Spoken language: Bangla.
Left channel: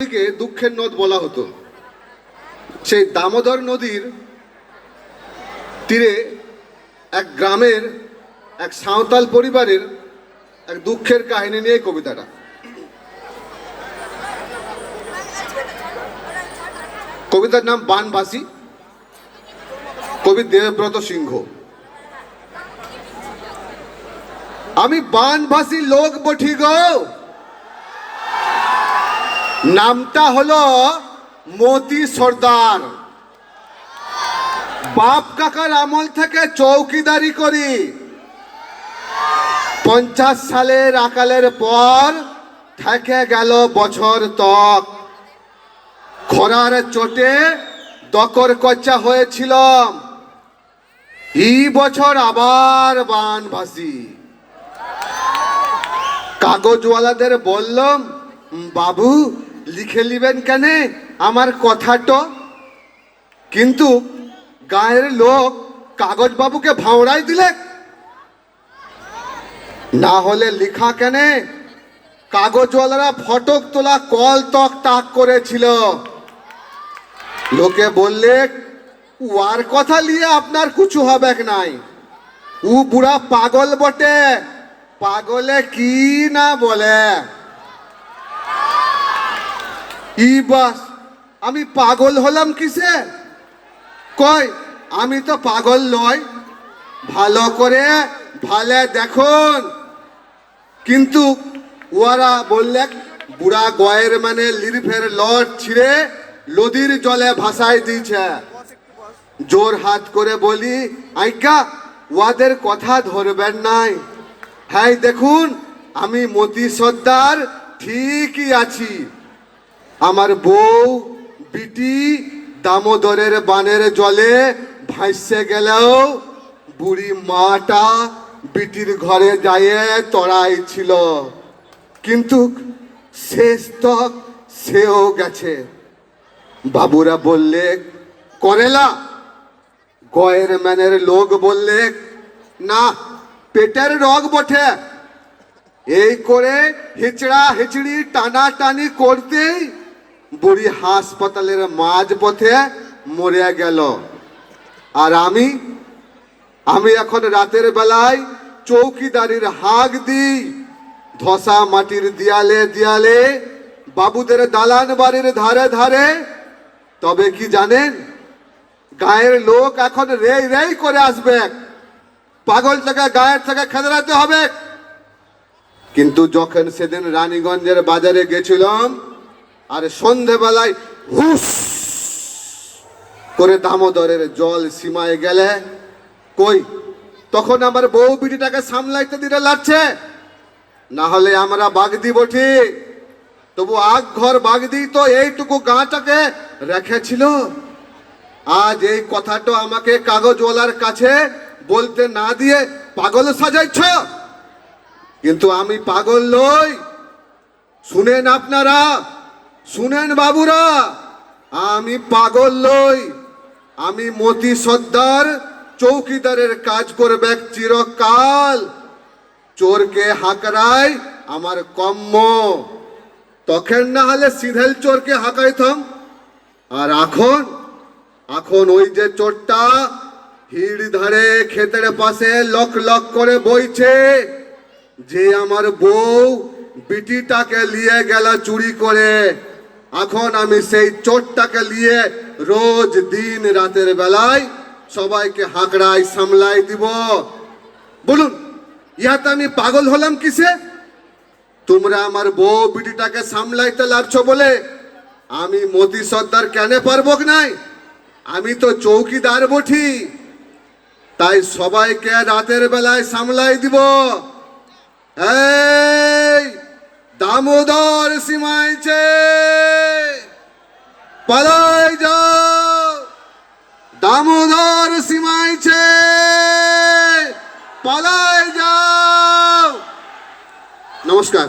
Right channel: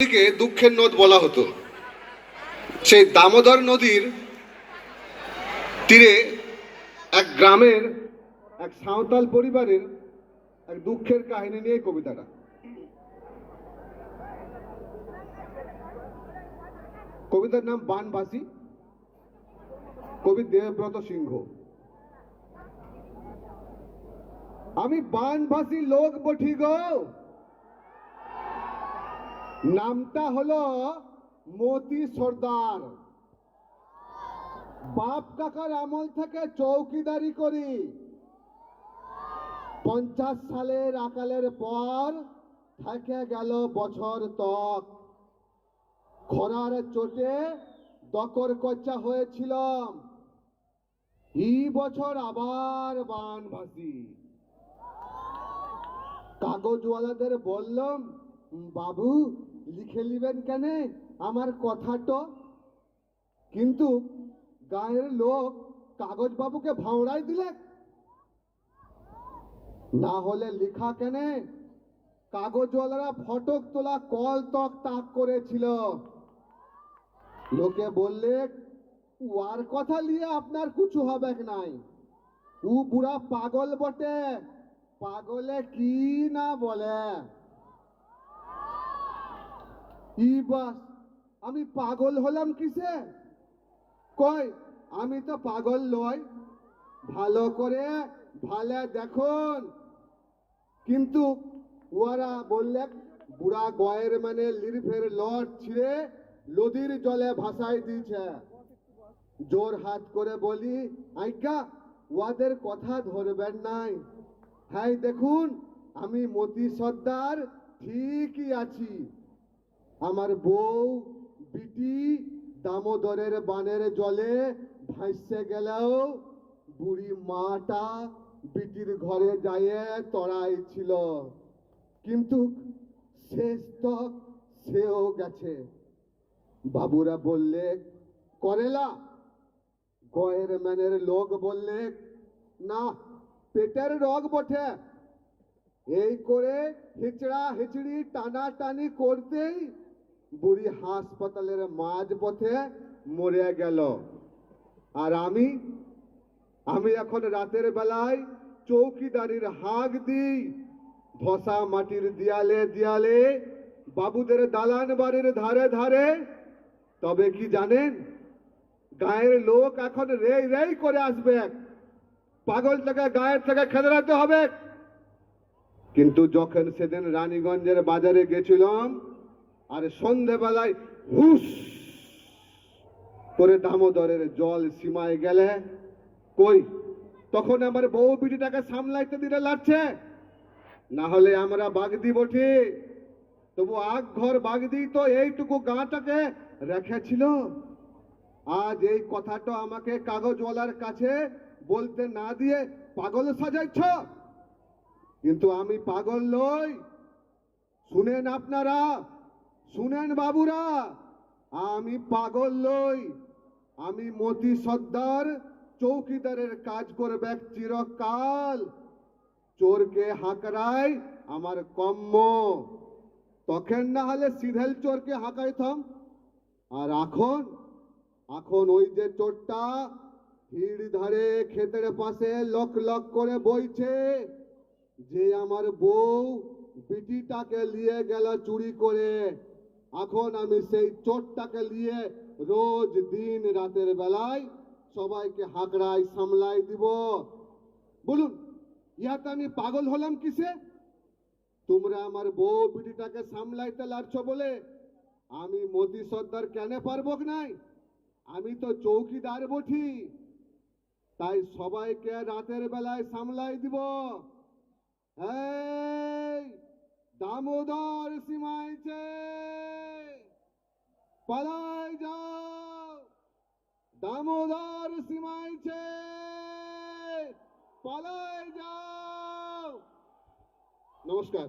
নদীকে দুঃখের নদ বলা হতো। সেই দামোদর নদীর তীরে এক গ্রামের এক সাঁওতাল পরিবারের এক দুঃখের কাহিনী নিয়ে কবিতাটা। কবিতার নাম বানভাসী, কবি দেবব্রত সিংহ। আমি বানভাসী লোক বঠি গো, নামটা হলো মতি সর্দার। বাপ কাকার আমল থেকে চৌকিদারি করি। 50 সালের আকালের পর থেকে গেল বছর তক। খরার চোটে দকর কচ্চা হয়েছিলাম। এই বছর আবার বানভাসী। কাগজওয়ালাদের বললাম, বাবু লিখে নিবেন কেন আমার কথাটা? কিন্তু গায়ের লোক কাগজ বাবুকে ভাওড়াই দিলে। না হলে লিখা কেন? কাগজওয়ালারা ফটক তোলা কল তক তাক করেছিল। লোকে বললে, ওয়ার কথা নিয়ে আপনার কিছু হবে নাই, ও বুড়া পাগল বটে। পাগলে কি না বলে। ই বাস, আমি পাগল হলাম কিসে? কই আমি তো পাগল নয়, ভালো করে ভালে দেখুন। কিন্তু ওরা বললে, বুড়া গয়ের মানে লিরফের লট ছিঁড়ে নদীর জলে ভাসাই দিয়েছে। জোর হাত করে বলি, আইকা ওদের কথা ধরবেন নাই। হ্যাঁ দেখুন, আমি মতি সর্দার ঠিকই আছি। আমার বউ বিটি দামোদরের বানের জলে ভাসে গেলেও বুড়ি মাটা বিটির ঘরে যাইয়ে তড়াই ছিল। কিন্তু শেষ তক সেও গেছে। বাবুরা বললে, করেলা। গয়ের ম্যানের লোক বললে, না পেটের রোগ বটে। এই করে হিচড়া হিচড়ি টানা টানি করতেই বুড়ি হাসপাতালের মাঝ পথে মরে গেল। আর আমি এখন রাতের বেলায় চৌকিদারির হাঁক দিই। ধসা মাটির দিয়ালে দিয়ালে, বাবুদের দালান বাড়ির ধারে ধারে। তবে কি জানেন, গায়ের লোক এখন রেই রেই করে আসবে। পাগলটাকে গায়ের থেকে খেদরাতে হবে। কিন্তু যখন সেদিন রানীগঞ্জের বাজারে গেছিলাম, আর সন্ধেবেলায় হুস করে দামোদরের জল সীমায় গেলে, কই তখন আমার বউ বিটিটাকে সামলাইতে দিতে লাগছে। না হলে আমরা বাগদি বটি, তবু আগ ঘর বাগদি তো এইটুকু গাঁটাকে রেখেছিল। আজ এই কথাটা আমাকে কাগজওয়ালার কাছে বলতে না দিয়ে পাগল সাজাইছ। কিন্তু আমি পাগল নই। শুনেন আপনারা, শুনেন বাবুরা, আমি পাগল নই। আমি মতি সর্দার চৌকিদারের কাজ করবে চিরকাল। চোরকে হাঁকড়াই আমার কম্ম। তখন না হলে সিধেল চোরকে হাঁকাইতাম। আর এখন ওই যে চোরটা হিড় ধারে ক্ষেতের পাশে লক লক করে বইছে, যে আমার বউ বিটিটাকে নিয়ে গেল চুরি করে। এখন আমি সেই চোরটাকে নিয়ে রোজ দিন রাতের বেলায় সবাইকে হাঁকড়াই সামলাই দিব। বলুন, ইহাতে আমি পাগল হলাম কিসে? তোমরা আমার বউ বিটিটাকে সামলাইতে লাগছো বলে আমি মতি সর্দার কেন পারবো নাই? আমি তো চৌকিদার বঠি, তাই সবাইকে রাতের বেলায় সামলাই দিব। এই দামোদর সীমাইছে, পালাই যাও। দামোদর সীমাইছে, পালাই যাও। নমস্কার।